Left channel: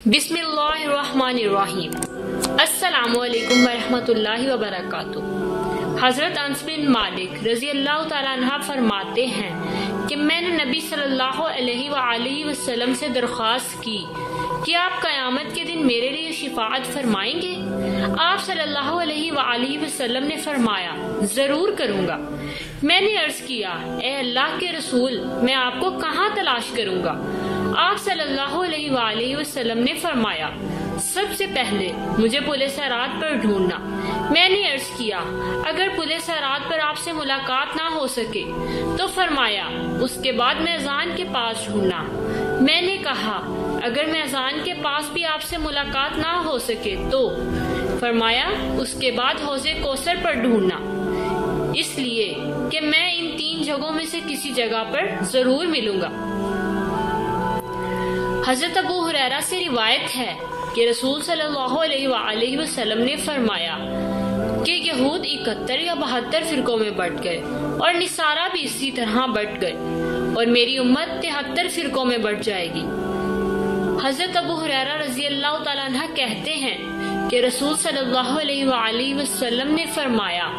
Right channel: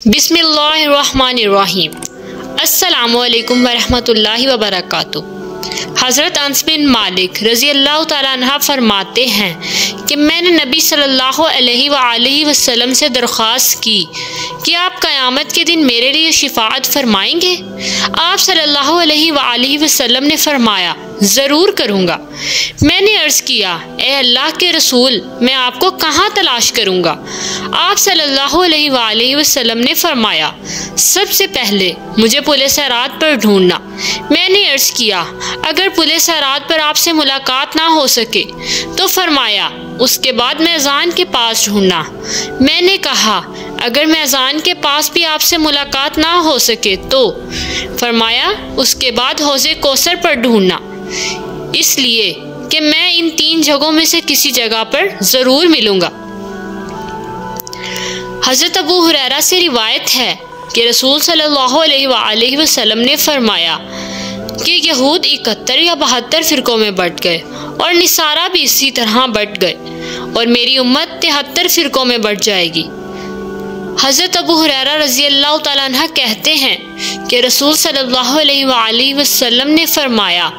बिस्मिल्लाहिर्रहमानिर्रहीम। अस्सलामुअलैकुम वरहमतुल्लाहि वबरकातुहू। हज़रत अनस बिन मालिक रज़ी अल्लाह तआला अन्हु फरमाते हैं कि मैंने नबी सल्लल्लाहु अलैहि वसल्लम से दरख्वास्त की कि आप क़यामत के दिन मेरे लिए शिफ़ाअत फरमाएंगे। आप सल्लल्लाहु अलैहि वसल्लम ने फरमाया, ज़रूर करूँगा। मैंने अर्ज़ किया, ए अल्लाह के रसूल, मैं आपको कहाँ तलाश करूँगा? आप सल्लल्लाहु अलैहि वसल्लम ने फरमाया, सबसे पहले मुझे पुले सरात पर ढूंढना। मैंने अर्ज़ किया, अगर पुले सरात पर आपसे मुलाकात ना हो सके तो फरमाया, उसके बाद मैज़ान के पास ढूंढना। मैंने कहा, अगर मैज़ान के पास भी आपसे मुलाकात ना हो सके तो फरमाया, उसके बाद हौज़े कौसर पर ढूंढना, इसलिए कि मैं इन तीन जगहों में से किसी जगह पर ज़रूर मिलूँगा। हज़रत अबू हुरैरा से रिवायत है कि रसूल सल्लल्लाहु अलैहि वसल्लम ने फरमाया कि यहूद 71 या 72 फ़िरक़ों में बट गए और निसारा भी इसी तरह बट गए और मेरी उम्मत 73 फ़िरक़ों में बट जाएगी। हज़रत अबू हुरैरा रज़ी अल्लाह तआला अन्हु कहते हैं कि रसूल सल्लल्लाहु अलैहि वसल्लम ने फरमाया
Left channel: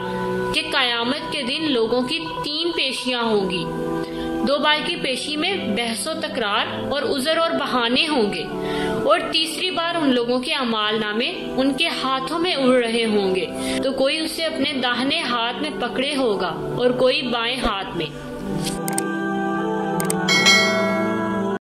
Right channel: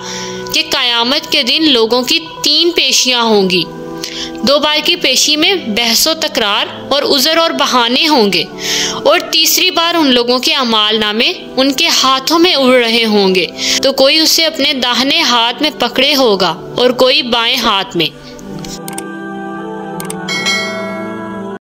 कि क़यामत के दिन लोगों की 3 पेशियाँ होंगी। 2 बार की पेशी में बहसो तकरार और उज़र और बहाने होंगे और तीसरी बार उन लोगों के अमाल नामे उनके हाथों में उड़ रहे होंगे, तो कोई उसे अपने दाहिने हाथ में पकड़े होगा और कोई बाएं हाथ में।